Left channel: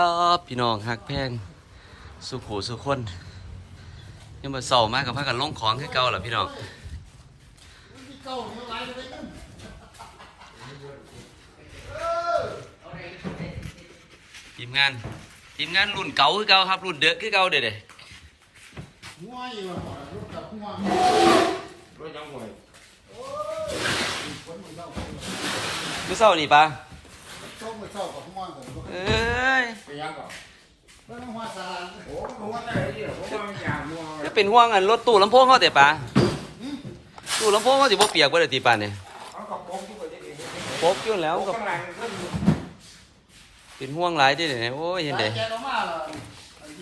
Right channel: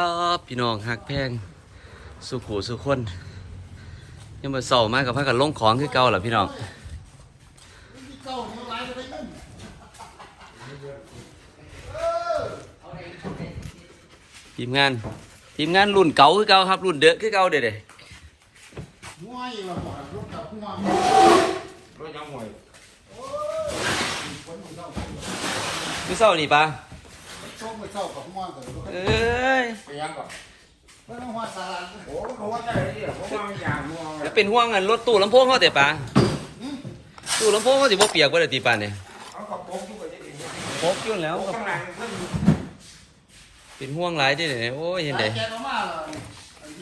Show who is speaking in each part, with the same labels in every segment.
Speaker 1: ครับพี่น้องหักแพงสุขูสุขคนยังมาเศร้ามากกับพักกันลงของคือเก่าเหรอพี่น้องทีมงานทีมงานรุ่นเก่าคือเก่าครับ รุ่นเด้อคือเก่าเด้อเด้อ
Speaker 2: ง่วยว่าบ่รถกับง่วง
Speaker 3: ไม่ยังหวย
Speaker 1: คือเศร้านี่ปะ
Speaker 2: ช่วงไปเช้ากับง่วงกัน
Speaker 1: เอ้ย
Speaker 3: ไปยังก่อน
Speaker 2: เพิ่นหัวสารา
Speaker 3: โอ้เพราะว่าได้ที่เพราะว่ามันยางมัวเล
Speaker 1: แล้
Speaker 3: ยว
Speaker 1: เป็นห่วงอันรถตู้ลำโพงเขาแต่ปะตู้ลำโพงเขาสิบ่เปียกบ่ได้ตีปานเนี่ย
Speaker 3: เขากระโปรงทุกคนจะเห็น
Speaker 1: พกอยู่แล้ว
Speaker 3: เขา
Speaker 1: ก็
Speaker 3: ข้างหลังขึ้น
Speaker 1: เป็นห่วงหลายที่เด้อโอ้ยเห็นเด้
Speaker 2: สายแกนออกมาล่ะ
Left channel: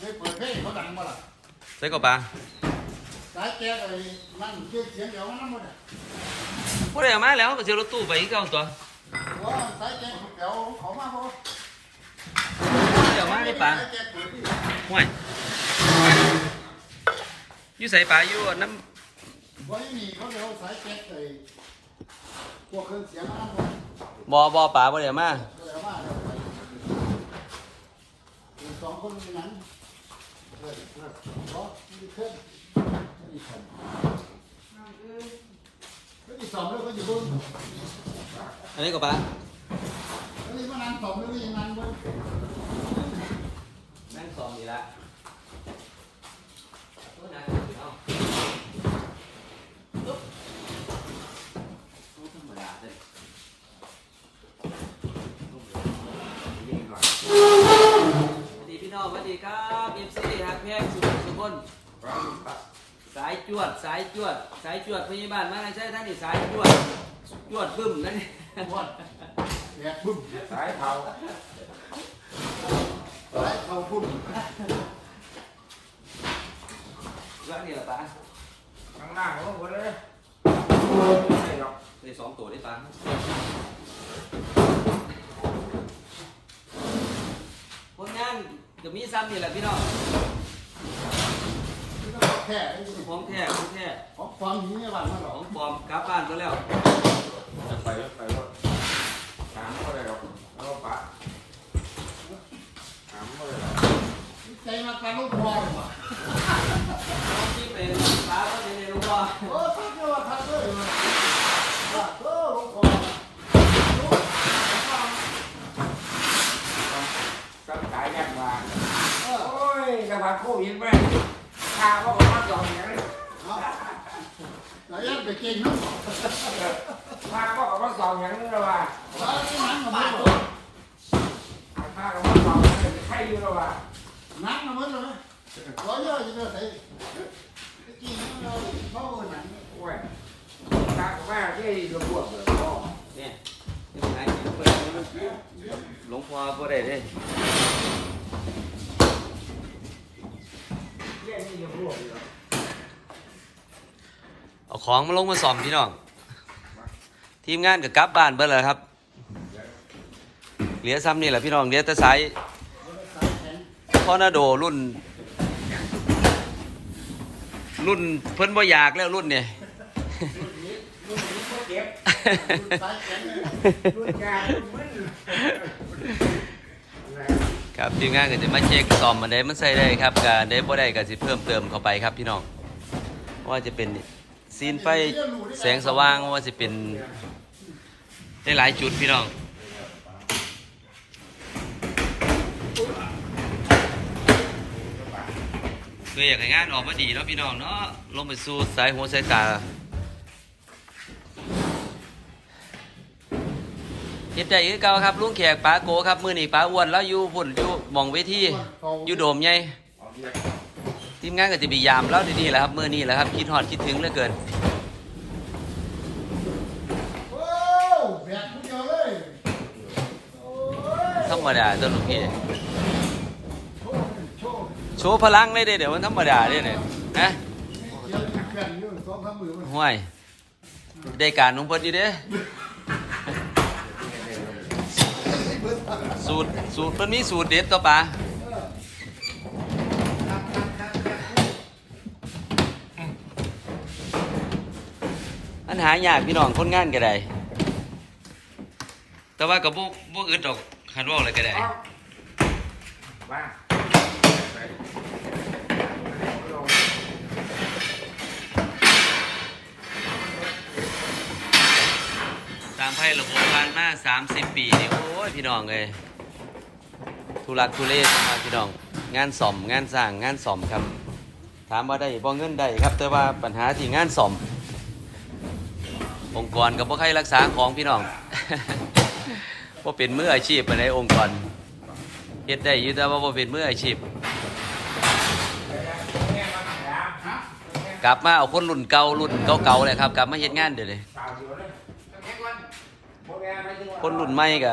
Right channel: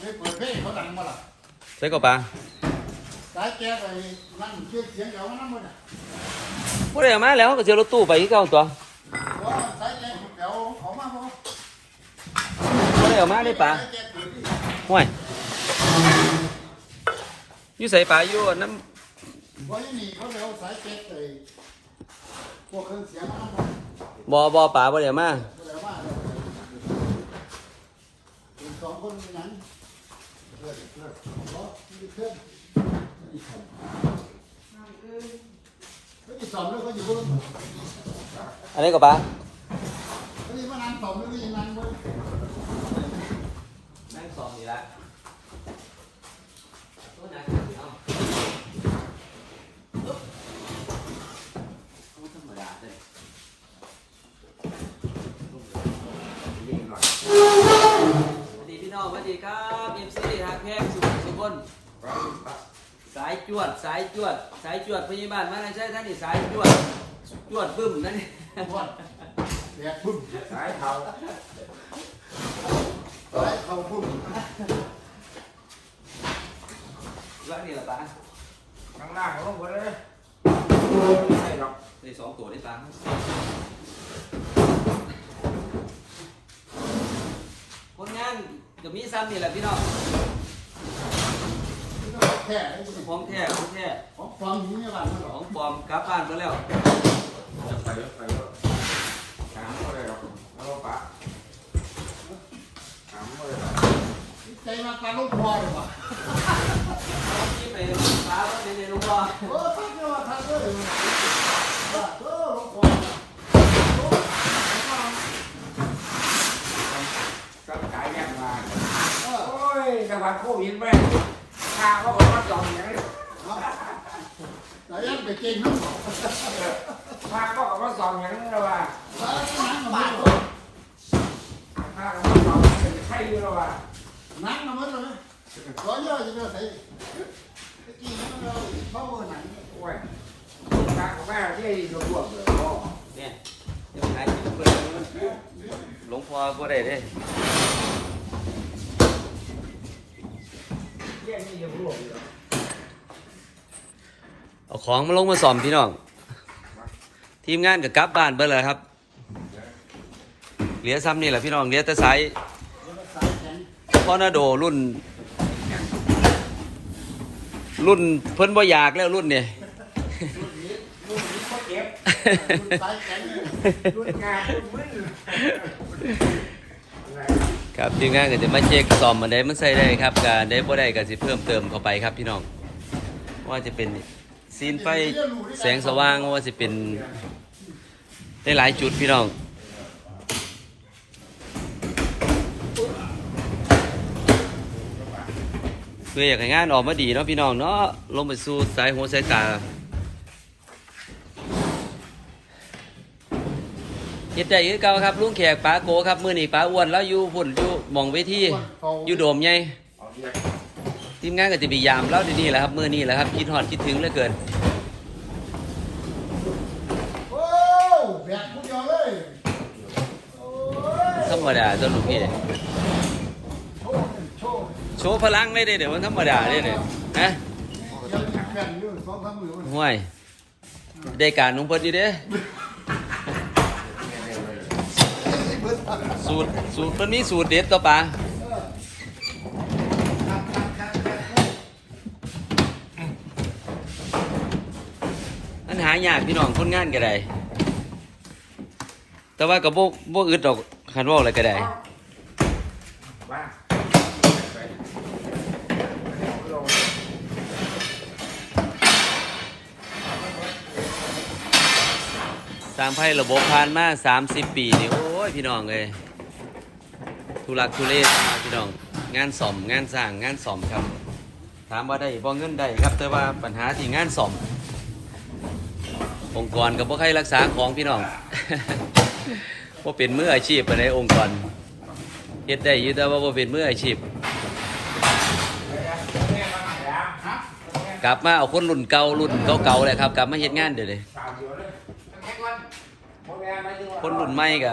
Speaker 2: ไอ้เปิดเพลงเขาดังมาล่ะ
Speaker 1: ใส่ก็ปะ
Speaker 2: สายแกนไอ้นั่นช่วยเสียงเดี๋ยวมันนำบ่ได้
Speaker 1: บ่ได้เอามาแล้วก็เจอรถตู้ไปคือเก่าตัว
Speaker 2: ว่าสายแกนเดี๋ยวเขามาบ่
Speaker 1: บ่ได้เอามาได้ปะ
Speaker 2: สายแกนเปิดนี่
Speaker 1: ห่วยอยู่ใส่ปลาอยู่น้
Speaker 2: บ่อยู่นี่เขาเดี๋ยวสายแกนไอ้พวกเครื่องเสียงมันำบ่
Speaker 1: บ่บ่ปลาบ่ได้เอามา
Speaker 2: เดี๋ยวมาเดี๋ยวเป็นสองคนนั้นเออเออเขามีเพื่อนมีสองเขามีสองแล้วเขาอยู่บน
Speaker 1: อันนี้ก็ปลา
Speaker 2: เขามีมานานสองแล้วมีนานบน
Speaker 1: แม่งสองนี่ละธรรมดาเด้อ
Speaker 3: นี่หน่อย
Speaker 1: สวัสดีพี่น้องสวัสดีครับเอฟซีฮักแพงสุขสุขคน สายจวด สายจวด สายจวดพยาบาลมาไม่ใช่ท่านนี่สายจวด จวดบึ้มนั่นนี่
Speaker 2: วันแบกพุ่ม
Speaker 3: สายเท้า
Speaker 2: สายเขาพุ่ม
Speaker 1: แล้วนี่ละปลา
Speaker 3: ข้างหน้าเขาหมดเลยใช่หรอก
Speaker 1: ได้สองตัวได้ปลาคนงานก็มีซ้ำนี่แหละพี่น้อง
Speaker 2: นี่ก็ แท้ไอ้นี่
Speaker 1: ของแท้ของแท้
Speaker 2: ของความหิวเนี่ยบ้านมันหร
Speaker 1: ข
Speaker 2: อ
Speaker 1: องปลอมกลับบ้านก็แล้วไปแล้ว
Speaker 3: ไปไปสามก็ได้หรอกแล้วปะสามก็ได้หรอก
Speaker 2: ใจมาปลาลูกพลอยว่ะ
Speaker 1: ที่ไปปลาก็ดีในลูกบอล
Speaker 2: โอ้ทักเนี่ยว่าทักเลยว่าเออลูกพลอย
Speaker 3: สักขายยังมา
Speaker 2: เออ
Speaker 3: โอ้ยกระพันโควิดแม่ ข้าก็บอกว่าจองอย่างนี้
Speaker 2: เอาแต่ยังไปเก่งน้ำบอก
Speaker 3: ข้าก็บอกว่าจองอย่างนี้แล้วว่า
Speaker 2: เออนี่หนังกับมัน
Speaker 3: ข้าก็ว่าจองใครอยู่แล้วว่า
Speaker 2: หนังกับมันเลยร้อยเยอะจังเลยใส่กี่เราเขาหนัง
Speaker 3: โอ้ยข้าก็แม่ที่รวบเลยพ่อ
Speaker 1: เนี่ยนี่นะหลวงพ่อก็ได้เด้
Speaker 3: เที่ ยนี่รวบเลย
Speaker 1: เอาของมาลงมาสอมพี่น้อง ทีมงานกับกลับบ้านเบิ่แล้วครับ เหลือซ้ำนี่แหละพี่น้องเหลือแต่สาย
Speaker 2: สายแข็ง
Speaker 1: ทอนาโดรุ่น รุ่นเพิ่นบ่อยากแล้วรุ่นเนี่ย ครับทีมงานก็จะมาเช็คซ่อมมันได้มันใส่ได้ครับก็ได้บ่ได้ก็สิเพิ่มเติมเข้าไปครับพี่น้องว่าจะเป็นซีนไฟแสงสว่างว่าจะเป็นได้หลายจุดพี่น้องคืออยากให้งานออกมาดีเนาะพี่น้องเนาะลงไปสู่สายหัวสายตา เฮ็ดได้คือเก่าครับลุงแขกป้าโกครับมื้อนี้ป้าอ้วนแล้วอยู่พุ่นอยู่หมองเวทีอยู่โดมใหญ่
Speaker 3: เอาเบียร์
Speaker 1: ทีมงานก็จะพยายามเล่าดีๆแหละครับมื้อนี้แหละครับคิดฮอดคิดถึงเหลือเกิน
Speaker 2: โอ้แบกผู้เดียวเลยโอ้ย
Speaker 1: ธรรมดาตัวลูกพี่
Speaker 2: โชว์โชว์
Speaker 1: โชว์พลังเลยเด้เดี๋ยวมันธรรมดาเด้เนี่ยฮะ
Speaker 2: ยังแข่งอยู่สองพันหมื่น
Speaker 1: ห่วยได้การของเพิ่นอยู่เด้ สูตรสูตรเพิ่นมีสูตรเด็ดต่อปลาอันหายากพี่น้องคนงานก็ได้ แต่ว่าก็บ่บ่อึดดอกคันว่าอะไรก็ได้
Speaker 3: บ้างไป
Speaker 1: ร้างไพ่ระบบผ่านมา 30 ปีนี่โอ้ย พี่น้องเลย ทุลักทุเลมาพี่น้อง งานสอมงานสร้างงานสอมครับ ถามว่าได้บ่เงินได้ครับ แต่ว่าปัญหาที่งานสอมองค์กรกับพ่ใครรักษาของพี่น้องว่าเป็นมืออาชีพในองค์กรเฮ็ดได้อยู่แต่ว่าบ่เป็นมืออาชีพกลับมาเอาคนรุ่นเก่ารุ่นเก่าๆเลยครับ กลับมาเฮ็ดงานเดี๋ยว
Speaker 3: เลย
Speaker 1: คนรุ่นใหม่ก็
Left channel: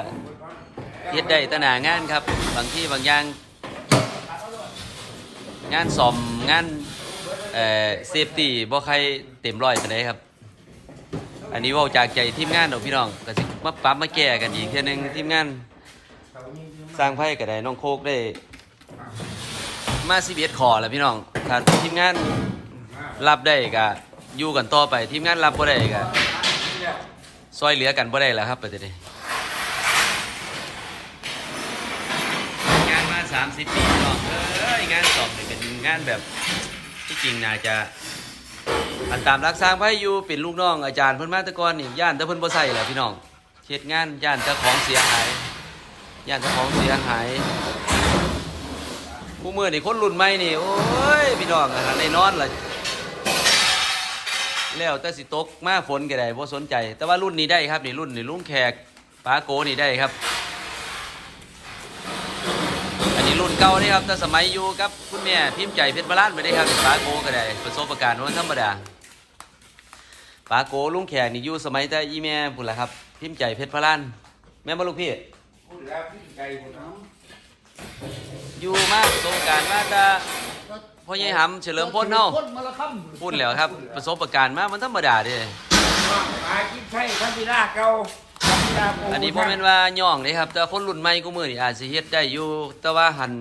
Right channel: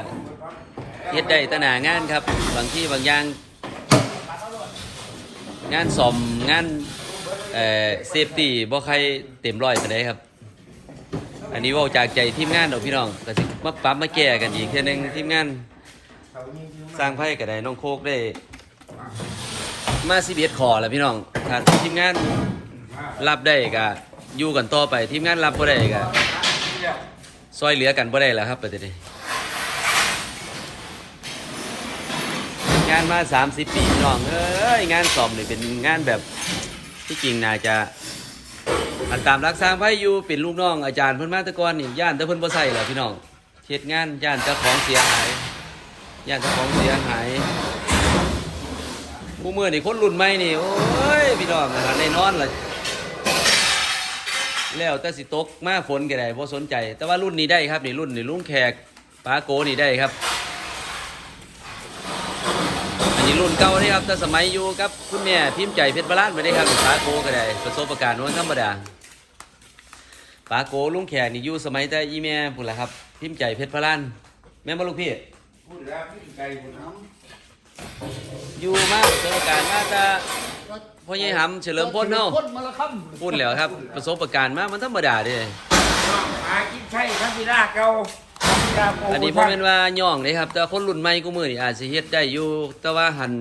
Speaker 1: เฮ็ดได้ตนางานครับ บางที่บางอย่าง งานซ่อมงานเอ่อเซฟตี้บ่ใครเต็มร้อยปานใดครับ อันนี้เว่าจากใจทีมงานดอกพี่น้องก็สิมาปรับมาแก้กันอีกเทื่อนึงทีมงาน สร้างไพ่ก็ได้น้องโคกได้ มา11ขอแล้วพี่น้องถ้าทีมงานรับได้ก็อยู่กันต่อไปทีมงานรับบ่ได้ก็ซอยเหลือกันบ่ได้แล้วครับประเด็นนี้านมา 30 ปีพี่น้องเอ้ยงานสอบนี่เป็นงานแบบที่จริงน่าจะอันตามรักสร้างไว้อยู่เป็นลูกน้องอาจารย์เพิ่นมาตะกอนนี่ย่านแต่เพิ่นบ่ใส่เหรอพี่น้องเฮ็ดงานย่านเจ้าของเสียหายย่านเจ้าของเสียหายผู้มือนี่คนรุ่นใหม่นี่โอ้ยพี่น้องนะได้นอนล่ะแล้วแต่สิตกมาฝนก็ได้บ่สนใจ แต่ว่ารุ่นนี้ได้ครับนี่รุ่นนี่ลุงแขกป้าโกนี่ได้ครับ นนี้รุ่นเก่านี่ครับแต่สมัยอยู่กับคุณแม่พิมพ์ใจเพชรบาลานไปได้ครับปาโกก็ได้ประสบการณ์วันธรรมดาปาโกลุงแขกนี่อยู่สมัยแต่อีแม่พุ่นละครับ พิมพ์ใจเพชรบาลานแม่มาลูกพี่
Speaker 3: พูดแล้วพี่ใจคุณน้
Speaker 1: อยู่มาประสบการณ์มาแต่พ่อใหญ่หำเฉลิมพลเฮา
Speaker 2: พ่นมาละค่ำ
Speaker 1: พูดแล้วครับ ประสบการณ์มามันธรรมดาเด้ำ
Speaker 3: หากินใช่ทันทีราเก่าทันทีราโอั
Speaker 1: นนี้ผมเป็นว่าย่องเลยครับ แต่คนรุ่นใหม่กูมือนี่อาจจะเฮ็ดได้อยู่ แต่ว่าหัน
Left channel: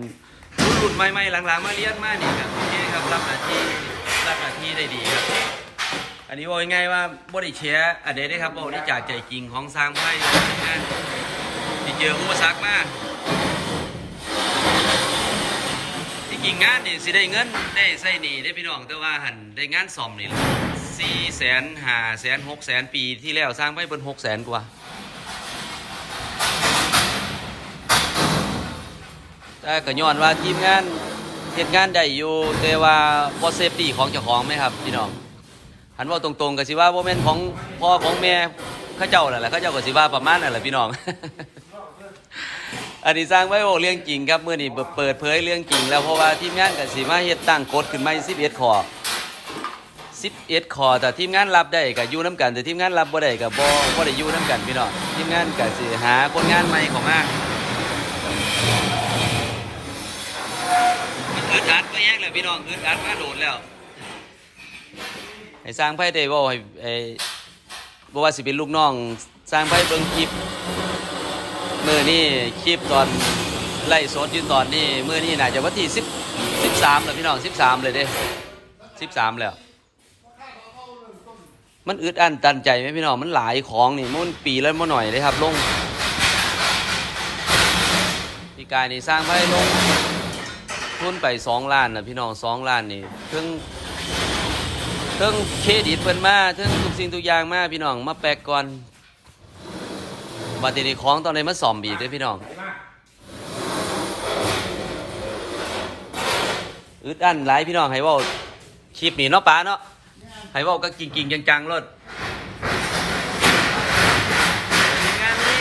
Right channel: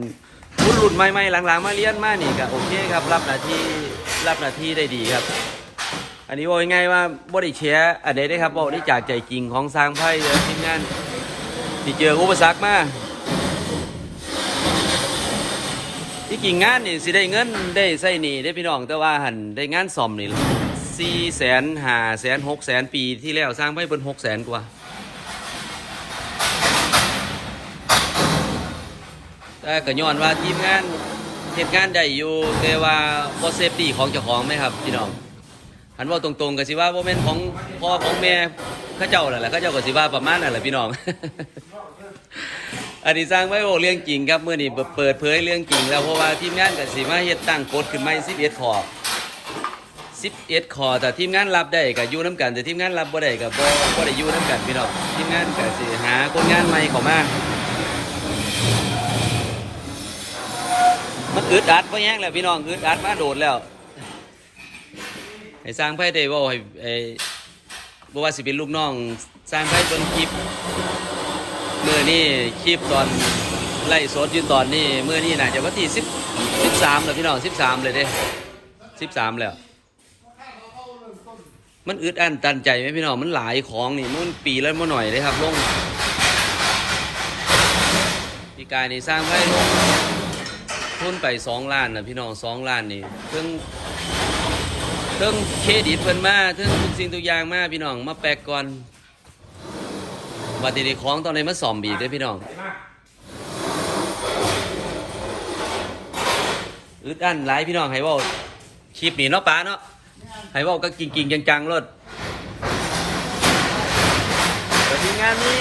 Speaker 1: คนรุ่นใหม่ๆหลังๆ มาเรียนมานี่ก็โอเคครับ รับหน้าที่รับหน้าที่ได้ดีครับ อันนี้บอกง่ายๆว่าบ่ได้แชร์อันใดได้ครับบอกได้จากใจจริงของสร้างไพ่ทีมงานที่เจออุปสรรคมาที่กิ่งงานนี่สิได้เงินได้ใส่หนี่ได้พี่น้องแต่ว่าหันได้งานซ่อมนี่สี่แสนห้าแสนหกแสนปีที่แล้วสร้างไพ่เป็นหกแสนกว่า แต่ก็ย้อนว่าทีมงานเฮ็ดงานได้อยู่แต่ว่าบ่เซฟตี้ของเจ้าของไหมครับพี่น้องหันว่าตรงๆก็สิว่าบ่แม่นของพ่อของแม่เขาเจ้านั่นแหละเขาเจ้าก็สิว่าประมาณนั่นแหละพี่น้อง อันนี้สร้างไว้โอ้เรื่องจริงครับเมื้อนี้เปิดเผยเรื่องจริง แล้วเพราะว่าทีมงานก็สิมาเฮ็ดตั้งกฎขึ้นใหม่11ข้อ11ข้อแต่ทีมงานรับได้ก็อยู่นํกัน แต่ทีมงานรับบ่ได้ก็บ่บ่ได้อยู่นํกันพี่น้องทีมงานก็สิหาคนงานใหม่เข้ามา อึดอัดไปแย่งแล้วพี่น้องอึดอัดมาโดดแล้วให้สร้างไพ่ได้บ่ให้ไอ้บ่ว่าสิเป็นลูกน้อง สร้างไพ่ต้นคลิปมื่อนี่คลิปตอนไล่สดยู่ตอนนี้เมื่อนี่น่าจะวันที่สิบสิบสามแล้วพี่น้องสิบสามเลยเด้สิบสามแล้ว มันอึดอันตันใจไหมพี่น้องมันหลายของนี่มันปีแล้วมาหน่อยเลยครับลงพี่กายนี่สร้างไว้ลง ทุนไปสองล้านนะพี่น้องสองล้านนี่เพิ่งเพิ่งเครดิตเพิ่นมาเพิ่งทุกสิ่งทุกอย่างมาพี่น้องมาแปลกก่อนวันนี้ของตอนนี้มาสอมบีด้วยพี่น้องอึดอั้นหลายพี่น้องให้ว่าคลิปนี้เนาะป้าเนาะให้ว่าก็กิงกิงจังๆรถแต่ทีมงานนี้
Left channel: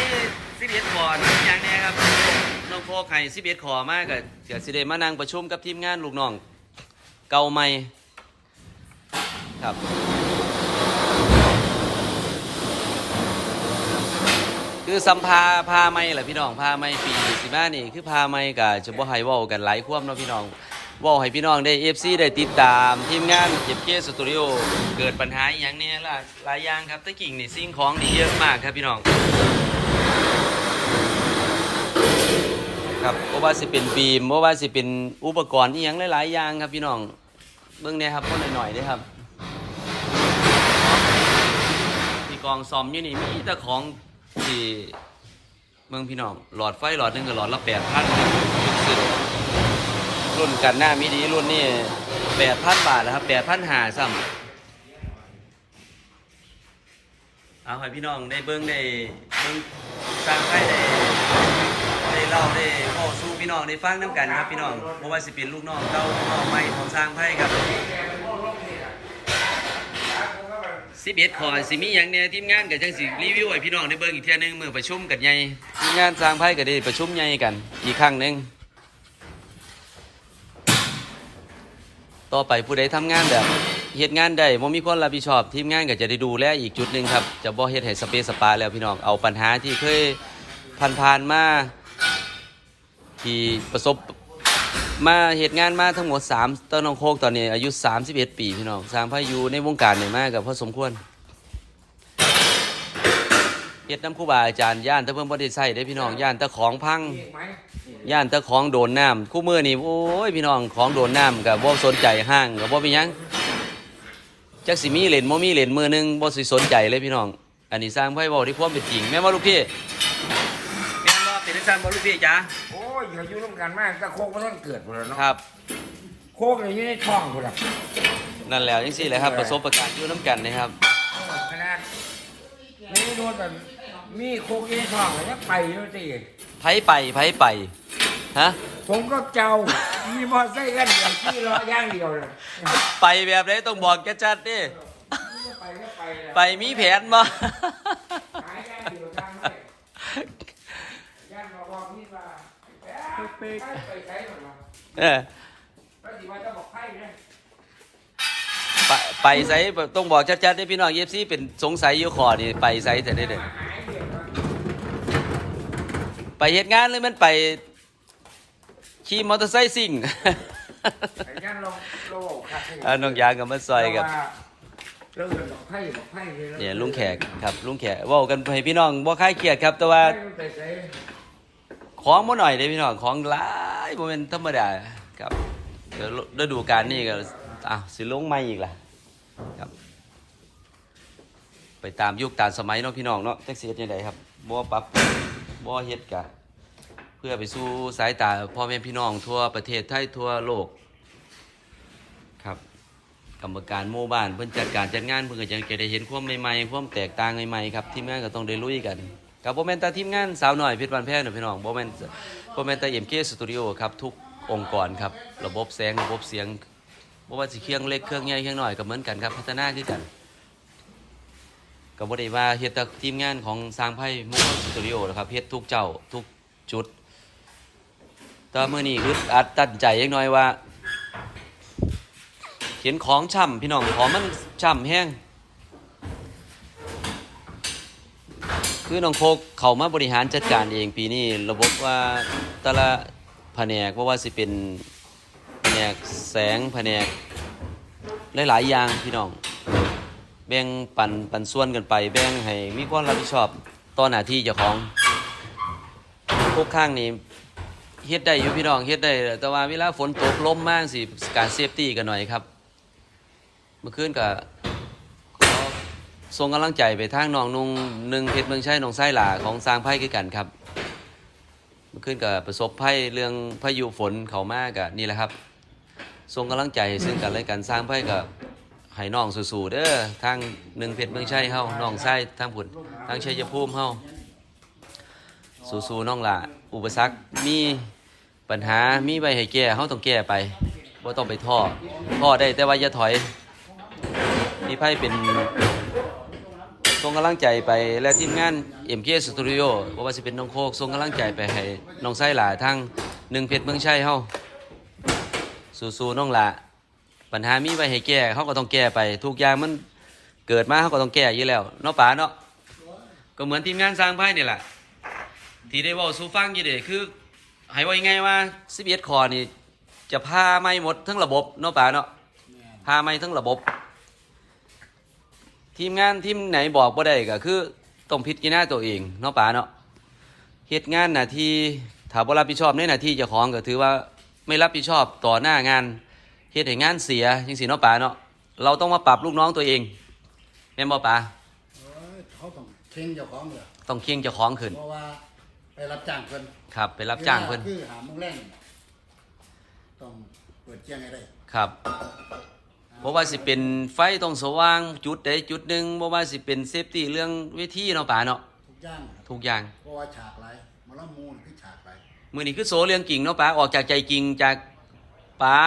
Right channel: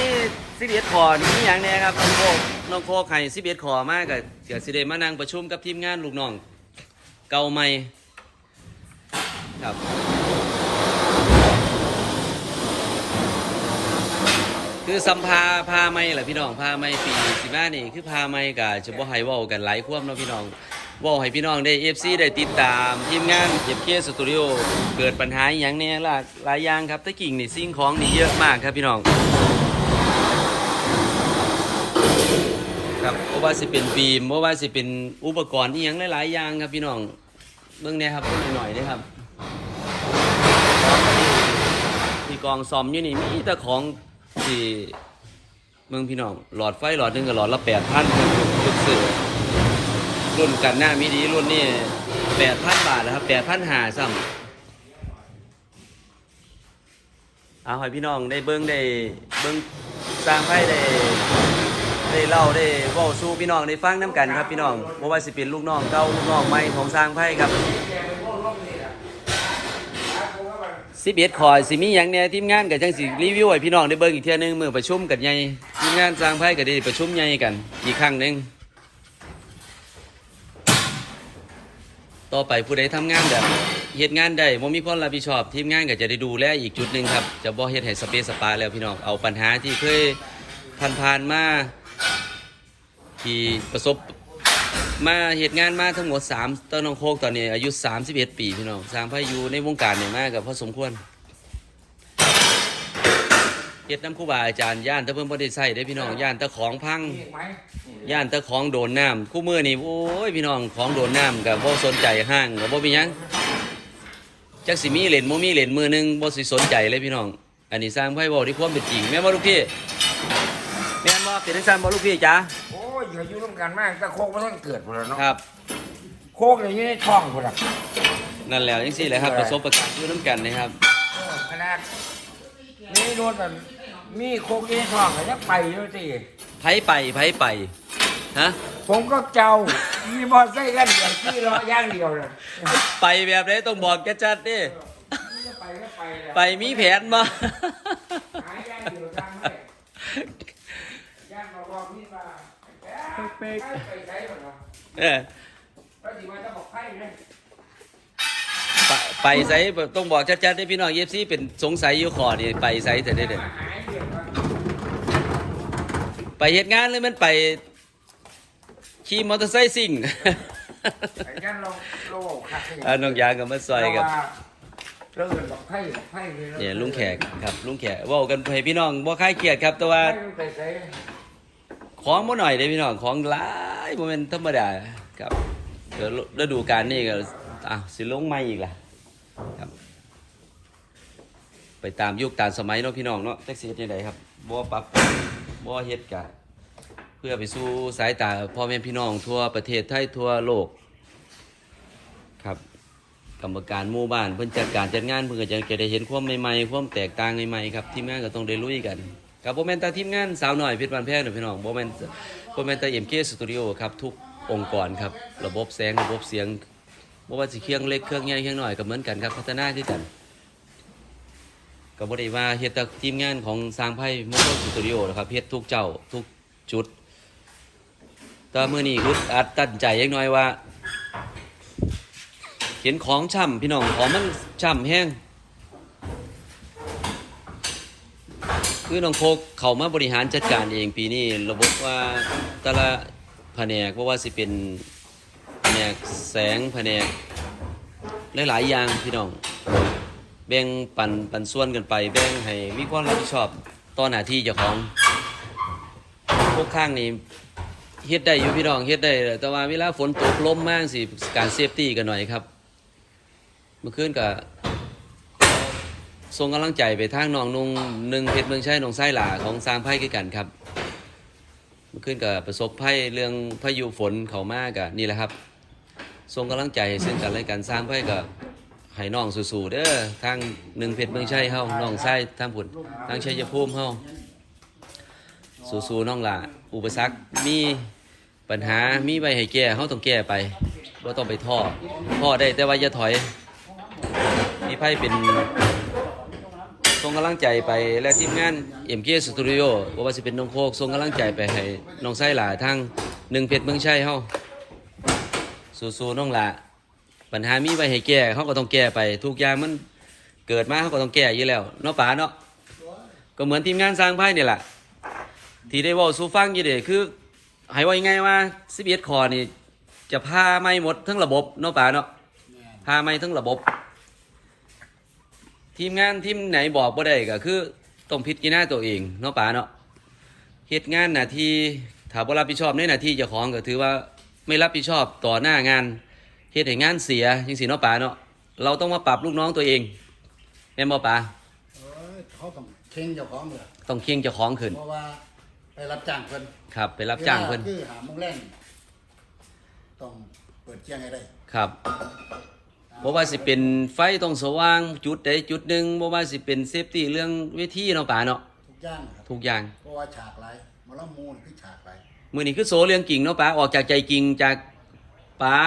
Speaker 1: สิบเอ็ดขอนี่มีอย่างแน่ครับน้องโคก น้องโคกให้สิบเอ็ดขอมากกับเดี๋ยวสิเดมานั่งประชุมกับทีมงานลูกน้อง เก่าใหม่ครับคือสัมภาพาไม่แหละพี่น้องพาไม่ปีสิมานี่คือพาไม่กับจะบ่ให้ว้ากันหลายความเนาะพี่น้องว้าให้พี่น้องได้เอฟซีได้ติดตามทีมงานเก็บเคสตูดิโอเกิดปัญหาอย่างนี้ลายหลายอย่างครับตะกิ่งนี่สิ่งของนี่เยอะมากครับพี่น้อง ครับเพราะว่าสิเป็นบีมเพราะว่าสิเป็นอุปกรณ์ที่ยังหลายๆอย่างครับพี่น้องเบื้องเนี้ครับก็หน่อยๆนะครับที่กองซอมอยู่นี่มีแต่ของที่เมืองพี่น้องหลอดไฟหลอดหนึ่งกับหลอดละแปดพันยุคสื่อรุ่นกันหน้ามีดีรุ่นนี่แปดพันบาทแล้วครับแปดพันหาซ้ำเอาให้พี่น้องได้เบิ้งได้เบิ้งสร้างไพ่ได้ ได้เล่าได้เว้าสู้พี่น้องได้ฟังน้ำกันครับพี่น้องเพราะว่าสิเป็นลูกน้องเก่าลูกน้องใหม่ของสร้างไพ่ครับสิบเอ็ดคอยสิมีอย่างเนี้ยทีมงานกับจังสิรีวิวให้พี่น้องได้เบิ้งอีกเที่ยหนึงมือประชุมกันใหญ่ทีมงานสร้างไพ่ก็ได้ประชุมใหญ่กันอีกครั้งหนึ่งต่อไปผู้ใดทำงานแบบเฮ็ดงานได้บ่มีคนรับผิดชอบ ทีมงานก็จะได้ดูแลอีกจุดหนึ่งครับ จะบ่เฮ็ดให้สเปซสปาแล้วพี่น้องเอาปัญหาที่เคยผ่านๆมา ที่ประสบมาเหตุงานมาทั้งหมด3ต้นน้องโคกตอนนี้อายุ31ปีพี่น้องสร้างพายุในวงการนี่มากกับพอสมควรเฮ็ดน้ำครูบาอาจารย์ย่านตะเพิ่นบ่ได้ใช้ได้พี่น้องย่านตะของพังย่านตะของโดนน้ำคู่มือนี่โอ้ยพี่น้องของโดนน้ำกับบ่สนใจห้างกับบ่มียังจักสิมีเหรียญบ่มีเหรียญมือหนึงบ่สิสนใจเลยพี่น้อง อันนี้สร้างไพ่บ่ที่ความเป็นจริงแม่บ่ลูกพี่แม่บ่เป็นจังซั่นบ่ลูกพี่จ๋า
Speaker 3: โอ้ ยอย่ายุ่งร่วมกันมากแต่โคกมันต้องเกิดหมดแล้วเนาะ
Speaker 1: ครับ
Speaker 3: โคกเนี่ยอยู่ในท้องหมดอะ
Speaker 1: นั่นแหล้วจังซี่แหละครับ ประสบการณ์อยู่นํกันนะครับ
Speaker 3: ขนาดนี่โดนแบบมีโคกอยู่ในท้องแล้วจะไปด้วยสิ
Speaker 1: ไผไปไผไป ฮะ
Speaker 3: ผมก็เจ้า มีบอลไส้กันอย่างที่เลาะย่างเดียวเลย
Speaker 1: ไปแบบไหนต้องบอกแกจัดดิ
Speaker 3: ไปก็ไปเลย
Speaker 1: ไปมีแผนบ่
Speaker 3: หาย่างเดียวย่างไม่ย่างบอกบอกนี่ว่าไปไปใช้ก่อนนะ
Speaker 1: เออ
Speaker 3: แล้วสิว่าจะบอกให้เลย
Speaker 1: ไปไปไสต้องบอกชัดๆให้พี่น้องเอฟซีเป็นสงสัยอยู่ขอนี่ไปไสแต่ได้เด้อ
Speaker 3: มาหายเดือดว่า
Speaker 1: ไปเฮ็ดงานเลยมันไปขี่มอเตอร์ไซค์ซิ่ง
Speaker 3: ไอ้นั่นลองโลคัดให้
Speaker 1: อ่าน้องยางกับมาซอยกับ
Speaker 3: เรื่องบอกไพ่บอกไพ่
Speaker 1: เนี่ยลุงแขกครับลุงแขกเว้ากันให้พี่น้องบ่คลายเครียดครับแต่ว่า
Speaker 3: แต่ใช้
Speaker 1: ของบ่หน่อยเด้พี่น้องของหลายบ่แม่นธรรมดาครับเดี๋ยวฤดูกาลนี้ก็อ้าวสิลงใหม่อีกล่ะครับ ไปตามยุคตามสมัยเนาะพี่น้องเนาะจักสิเฮ็ดจังไดครับบ่ปรับบ่เฮ็ดกะเพื่อไปสู่สายตาพ่อแม่พี่น้องทั่วประเทศไทยทั่วโลกครับกรรมการหมู่บ้านเพิ่นจัดการจัดงานเพิ่นก็จะจะได้เห็นความใหม่ๆความแตกต่างใหม่ๆครับทีมงานก็ต้องได้ลุยกัน ครับโบแมนต่ทีมงานสาวหน้อยพชรบานแพงเด้อพี่น้องโบแม่นบ่แม่นแต่ MK Studio ครับทุกองค์กรครับระบบแสงระบบเสียงบว่าสิเครื่องเล็กเครื่องใหญ่เครื่องหน้อยก็เหมือนกันครับพัฒนาคือกันก็บ่ได้ว่าเฮ็ดแต่ทีมงานของสร้างไพ่มงคลสตูดิโอนะครับเฮ็ดทุกเจ้าทุกจุดแต่เมื้อนี้อึดอัดตัดใจจักหน่อยว่า เห็นของช่ำพี่น้องของมันช่ำแห้ง คือน้องโคกเขามาบริหารจัดการเองปีนี้ระบบว่าแต่ละแผนกเพราะว่าสิเป็นแผนกแสงแผนกหลายๆอย่างพี่น้อง แบ่งปันปันส่วนกันไป แบ่งให้มีความรับผิดชอบต่อหน้าที่เจ้าของพวกข้างนี้เฮ็ดได้อยู่พี่น้องเฮ็ดได้ แต่ว่าเวลาฝนตกลมมากสิการเซฟตี้กันหน่อยครับ เมื่อคืนก็ ส่งกำลังใจไปทางน้องนุ่งหนึ่งเพชรเมืองชัยน้องไส้หลาของสร้างไพ่คือกันครับเมื่อคืนก็ประสบภัยเรื่องพายุฝนเขามากกะนี่แหละครับส่งกำลังใจให้ซึ่งกันและกันสร้างไพ่กับให้น้องสู้ๆเด้อทางหนึ่งเพชรเมืองชัยเฮาน้องไส้ทางผุนทางชัยภูมิเฮาสู้ๆน้องล่ะอุปสรรคมีปัญหามีใบให้แก้เขาต้องแก้ไปว่าต้องไปท่อท่อได้แต่ว่าอย่าถอยนี่ไพ่เป็น ส่งกำลังใจไปและทีมงานเอ็มเคสตูดิโอว่าจะเป็นน้องโคกส่งกำลังใจไปให้น้องไส้หล่าทั้งหนึ่งเพชรเมืองชัยเฮาสู้ๆน้องล่ะปัญหามีใบให้แก้เขาก็ต้องแก้ไป ทุกอย่างมันเกิดมาเขาก็ต้องแก้อยู่แล้วเนาะป๋าเนาะก็เหมือนทีมงานสร้างไพ่เนี่ยแหละที่ได้ว่าสู่ฟังยู่เดคือให้ว่ายังไงว่า11คอนี่จะพาไม่หมดทั้งระบบเนาะป่าเนาะพาไม่ทั้งระบบ ทีมงานทีมไหนบอกบ่ได้ก็คือต้องพิจารณาตัวเองเนาะป่าเนาะเฮ็ดงานหน้าที่ถ้าบ่รับผิดชอบในหน้าที่เจ้าของก็ถือว่าไม่รับผิดชอบต่อหน้างานเฮ็ดให้งานเสียจังซี่เนาะป่าเนาะเราต้องมาปรับลูกน้องตัวเองแม่นบ่ป่า
Speaker 2: เอ้ยเขาต้องเข่งเจ้าของเลย
Speaker 1: ต้องเคียงเจ้าของขึ้น
Speaker 2: เพราะว่าไปรับจ้างเพิ่น
Speaker 1: ครับ ไปรับจ้างเพิ่น
Speaker 2: วลคือหาโมงแรงตต้องเปิดแจ้งให้ได้
Speaker 1: ครับ เพราะว่าสิเป็นไฟต้องสว่างจุดใดจุดหนึ่งเพราะว่าสิเป็นเซฟตี้เรื่องเวทีเนาะป๋าเนาะ
Speaker 2: ทุกอย่างนะครับ
Speaker 1: ทุกอย่าง
Speaker 2: เพราะว่าฉากไรหมาละมูลคือฉากไร
Speaker 1: มือนี้คือโซเรื่องกิ่งเนาะป๋าออกจากใจกิ่งจากป๋า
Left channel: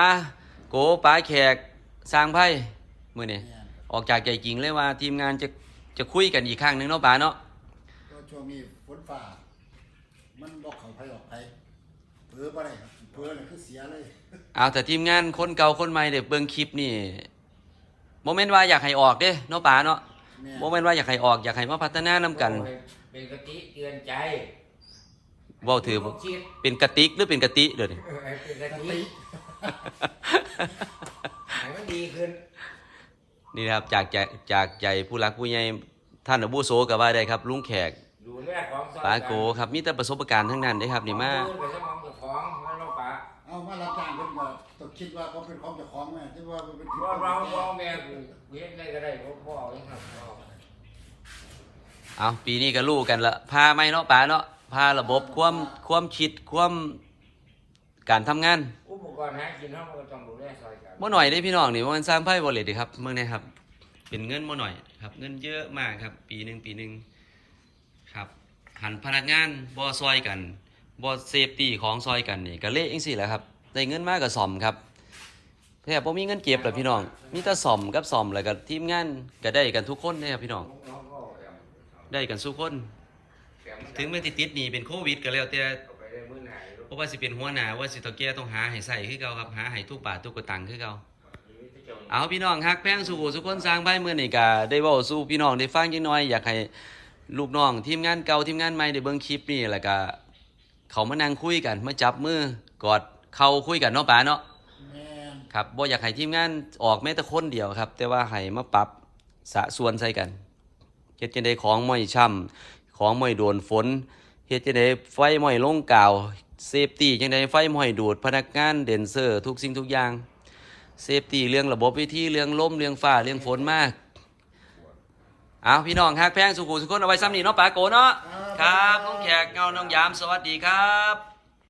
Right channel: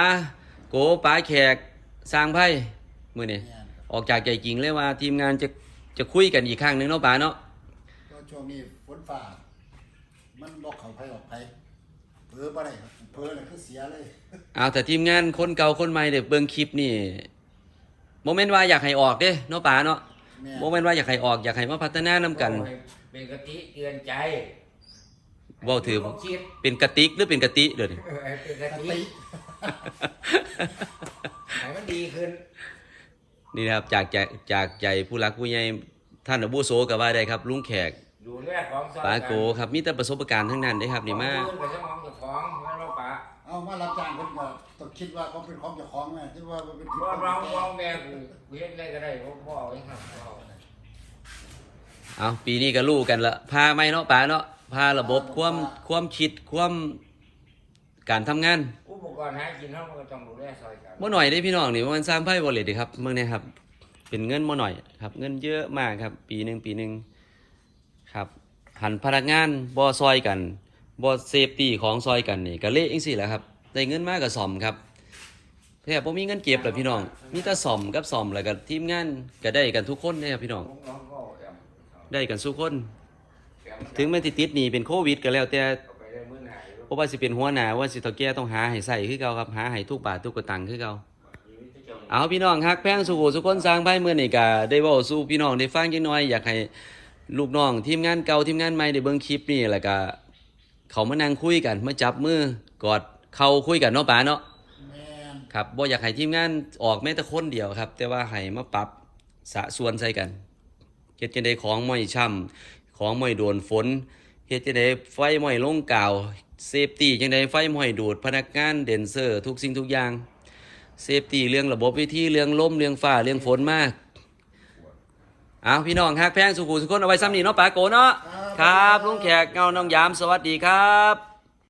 Speaker 1: โกป๋าแขกสร้างไพ่มือนี้
Speaker 2: เนี่ยครับ
Speaker 1: ออกจากใจกิ่งเลยว่าทีมงานจะจะคุยกันอีกครั้งหนึ่งเนาะป๋าเนาะ
Speaker 2: ก็ช่วงนี้ฝนฟ้ามันบอกเขาไผออกไผเพ้อบ่ได้ครับเพ้อเลยคือเสียเลย
Speaker 1: เอาแต่ทีมงานคนเก่าคนใหม่เด็กเบิ่งคลิปนี่โมเมนต์ว่าอยากให้ออกเด้เนาะป๋าเนาะ
Speaker 2: แม่
Speaker 1: โมเมนต์ว่าอยากให้ออกอยากให้มาพัฒนานํกัน
Speaker 3: เป็นกะทิเตือนใจ
Speaker 1: เว้าถือ
Speaker 3: ผมคิด
Speaker 1: เป็นกระติกหรือเป็นกะติเด้อนี่
Speaker 3: เออเป็นกะ
Speaker 2: ส
Speaker 3: ทิ
Speaker 2: ติ
Speaker 3: ให้มันดีขึ้น
Speaker 1: นี่นะครับจากใจจากใจผู้รักผู้ใหญ่ท่านอบุโสก็ว่าได้ครับ ลุงแขก
Speaker 3: ดูแลของซอย
Speaker 1: ปาโกครับมีแต่ประสบการณ์ทั้งนั้นได้ครับนี่มา
Speaker 3: ของอื่นไปสมอง
Speaker 2: มารับจ้างเพิ่นก็ต้องคิดว่าเขาเป็นของเจ้าของแม่ที่ว่ามันเป็น
Speaker 3: ว่าเราเราแม่กูกูเฮ็ดได้ก็ได้พ่อพ่อเองครับพ่อ
Speaker 1: เอาปีนี้ก็รู้กันละพาไม่เนาะป๋าเนาะพาระบบความความคิดความการทำงาน
Speaker 3: อุปกรณ์หากินเฮาก็ต้องดูแลซอยกัน
Speaker 1: บ่หน่อยได้พี่น้องนี่มันสร้างไพ่บอลเลยดีครับเมืองนี้ครับ เป็นเงินบ่หน่อยครับ เงินเยอะมากครับ ปีหนึ่งปีหนึ่งครับหันพนักงานบ่ซอยกันบ่เซฟตี้ของซอยกันนี่ก็เละจังซี่แหละครับ ได้เงินมากก็ซ่อมครับแท้บ่มีเงินเจ็บล่ะพี่น้อง มีแต่ซ่อมกับซ่อมแล้วก็ทีมงานก็ได้กันทุกคนเด้ครับพี่น้อง
Speaker 3: น้องพ่อแอม
Speaker 1: ได้กันทุกคน ถึงแม้สิติดหนี่เป็นโควิดก็แล้วแต่
Speaker 3: ไปเรื่องมื้อหน้าลูก
Speaker 1: เพราะว่าสิเป็นหัวหน้าว่าสิเฒ่าแก่ต้องหาให้ใส่คือเก่าครับหาให้ทุกบาททุกกระตังคือเก่าเอาพี่น้องฮักแพงสู่สุคนสร้างไพ่เมื่อนี่ก็ได้เว้าสู่พี่น้องได้ฟังจังน้อยอยากให้ลูกน้องทีมงานเก่าทีมงานใหม่ได้เบิ่งคลิปนี่แล้วก็เขามานั่งคุยกันมาจับมือกอด เข่าคุยกันเนาะป๋าเนาะ
Speaker 2: แม่น
Speaker 1: ครับบ่อยากให้ทีมงานออกแม้แต่คนเดียวครับ แต่ว่าให้มาปรับสะส่วนใส่กันเฮ็ดจังไดของไม่ช่ำของไม่โดนฝนเฮ็ดจังไดไฟไม่ลงกาวเซฟตี้จังไดไฟไม่ดูดพนักงานเดนเซอร์ ทุกสิ่งทุกอย่างเซฟตี้เรื่องระบบวิธีเรื่องลมเรื่องฟ้าเรื่องฝนมากเอาพี่น้องฮักแพงสุขุสุขคนเอาไว้ซ้ำนี่เนาะปาโกเนาะครับลุงแขกเงาน้องยามสวัสดีครับ